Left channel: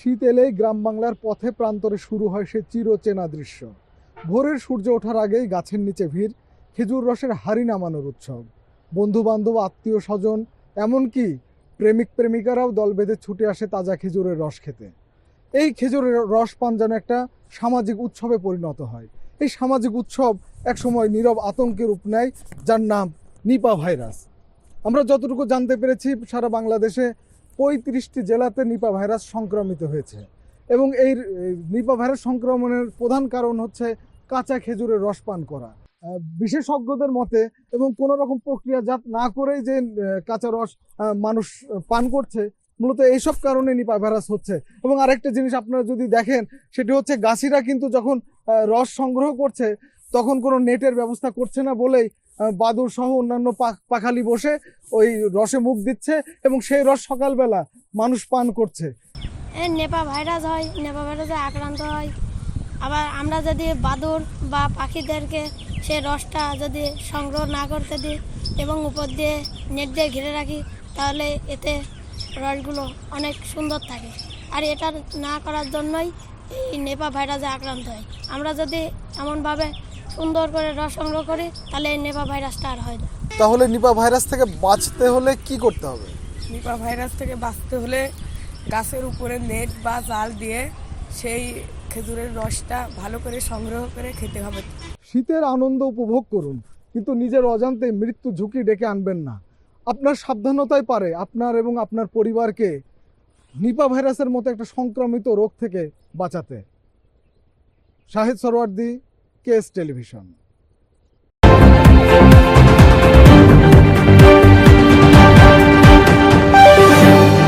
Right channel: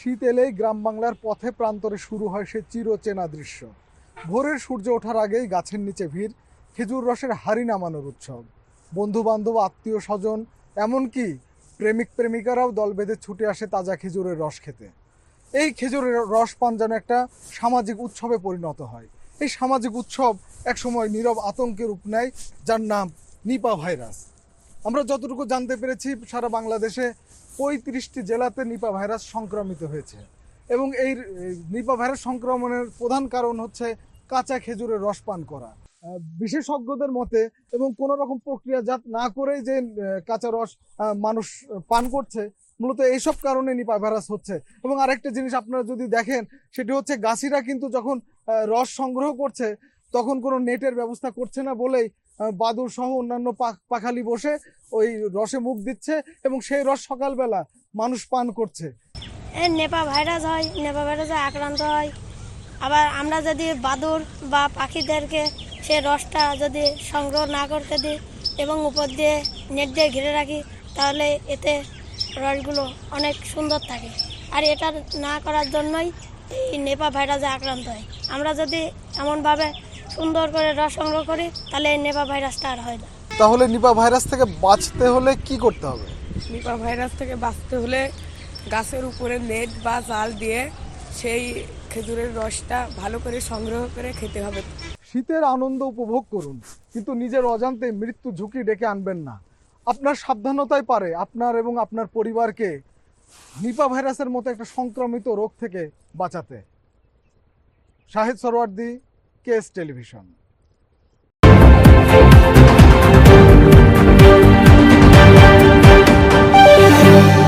শীত এলেই গ্রাম বাংলার পথে প্রান্তরে শুরু হয় সে চিরচেনা দৃশ্য। ভোরের সূর্য ওঠার আগেই গাছের নিচে ভিড়, খেজুর রসের হাঁড়ি নামানোর উৎসব। বন্ধু বান্ধব, আত্মীয় স্বজন, এমনকি প্রেমিক প্রেমিকারাও দল বেঁধে ছুটে আসে তাজা খেজুরের রস খেতে। এই খেজুরের রস পান যেন একটা সামাজিক উৎসবে পরিণত হয়। এই সামাজিক উৎসব একসময় নীরব আতঙ্কের রূপ নেয়, যার নাম নিপা ভাইরাস। আমরা যতটুকু জানতে পেরেছি, সারা বাংলাদেশে 35টি জেলাতে নিপা ভাইরাস সংক্রমিত হয়েছে এবং এই নিপা ভাইরাস সংক্রমণের প্রধান কারণ হচ্ছে কাঁচা খেজুরের রস পান করা। বিশেষজ্ঞদের মতে, এবং কোনো রকম প্রক্রিয়াজাত না করেই যে কাঁচা রস মানুষ পান করছে, মূলত এইসব কারণে নিপা ভাইরাস হচ্ছে। এবং আরেকটা জিনিস আপনারা যদি দেখেন, সেটি হচ্ছে গাছিরা কিন্তু যখন রস সংগ্রহ করছে তখন কোনো নেটের ব্যবস্থা করছে না বলেই বাদুর সহ অন্যান্য পাখালি বসে ওই রসে মুখ দিচ্ছে এবং সেই রস সকালবেলা মানুষ পান করছে। নেপা ভাইরাস হয়, নেপা ভাইরাসে আক্রান্ত হয়। আবার আমরা যদি বাদুর বা পাখিদেরকে সে রসটা যদি সংগ্রহ না করতে দিই এবং উপর দিয়ে নেট দিয়ে ঘিরে রাখি, তাহলে এতে রসগুলো অনেক সুন্দর থাকে। আর এটা না করার জন্যই এই নেপা ভাইরাসে আক্রান্ত হয়। আমরা যদি এমনভাবে সুন্দর করে রস সংগ্রহ করি, তাহলে এই নেপা ভাইরাসটা আর হয় না। তাহলে নিপা ভাইরাস থেকে বাঁচতে হলে কি করতে হবে? নিপা ভাইরাস থেকে বাঁচতে হলে গাছের উপরে নেট বা জাল দিয়ে সেই খেজুরের রসটা ভালো করে সংগ্রহ করে খেতে হবে। শীতের আনন্দ উপভোগ করুন, কিন্তু নিজের অজান্তে মৃত্যু ঝুঁকি ডেকে আনবেন না। আপনার সাবধানতাই পারে আপনার এবং আপনার পরিবারকে নিপা ভাইরাসের মতো একটা সংক্রমিত রোগ থেকে বাঁচাতে। Shahid Suhrawardy, KS television.